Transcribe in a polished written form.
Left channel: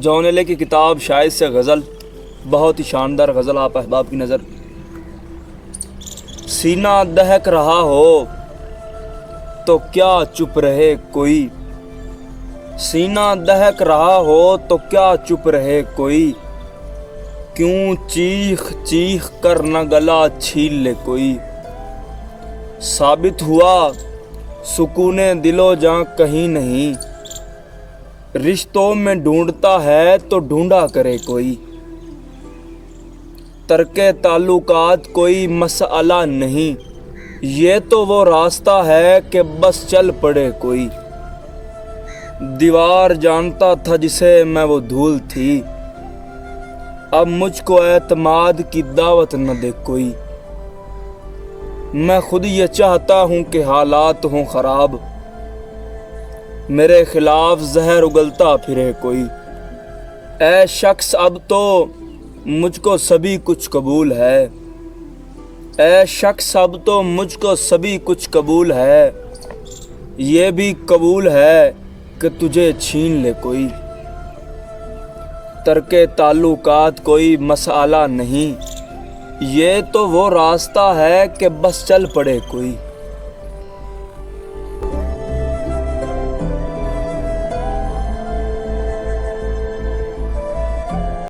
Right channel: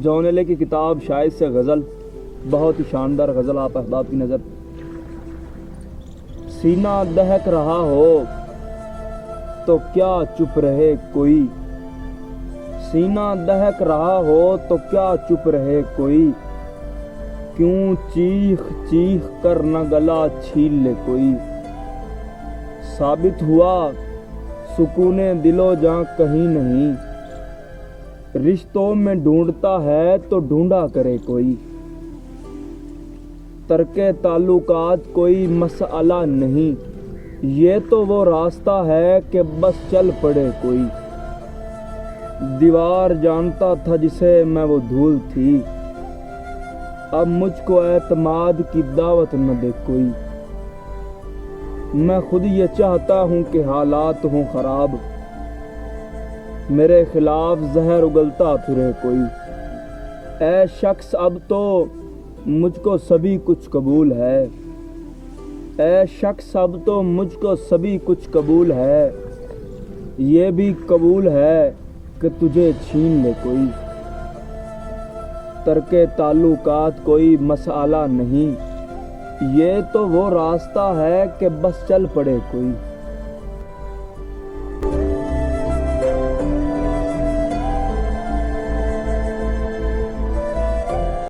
جون ایلے کی کتاب شاید سے غزل، بہت ہی شاندار غزل آپ احباب کی نظر۔ سینہ دہک رہا ہو تو کیا چپ رہے کوئی، سینہ دہک رہا ہو تو کیا چپ رہے کوئی، کیوں چیخ چیخ کر نہ گلا چھین لے کوئی۔ ثابت ہوا سکون دل و جاں کہیں نہیں، رشتوں میں ڈھونڈتا ہے تو ڈھونڈا کرے کوئی۔ ترک تعلقات کوئی مسئلہ نہیں، یہ تو وہ راستہ ہے کہ بس چل پڑے کوئی۔ دیوار جانتا تھا جسے میں وہ دھول تھی، اب مجھ کو اعتماد کی دعوت نہ دے کوئی۔ میں خود یہ چاہتا ہوں کہ حالات ہوں خراب، میرے خلاف زہر اگلتا پھرے کوئی۔ اے شخص اب تو مجھ کو سبھی کچھ قبول ہے، اے شخص اب تو مجھ کو سبھی کچھ قبول ہے، یہ بھی قبول ہے کہ تجھے چھین لے کوئی۔ ترک تعلقات کوئی مسئلہ نہیں، یہ تو وہ راستہ ہے کہ بس چل پڑے کوئی۔